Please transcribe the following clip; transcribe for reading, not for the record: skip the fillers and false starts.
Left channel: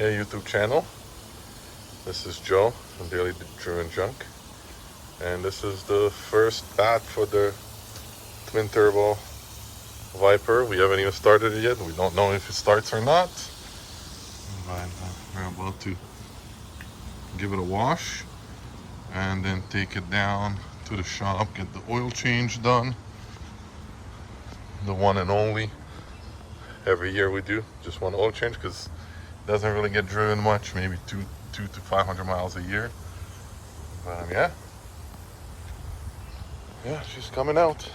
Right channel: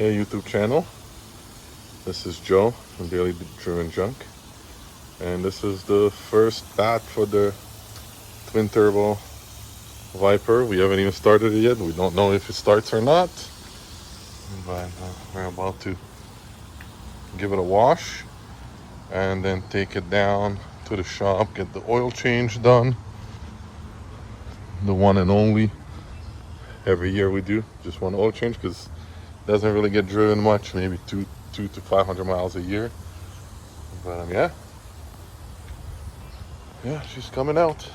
Hey YouTube channel, this is Joe from Daily Driven Junk, and this is the first batch of the twin turbo Viper. We haven't even started it yet. We don't know if it starts or not, but we're about to give it a wash and then take it down to the shop, get the oil change done, the one and only. Every year we do just one oil change because it doesn't really get driven much, maybe two to 500 miles a year. But yeah, it's just coming out.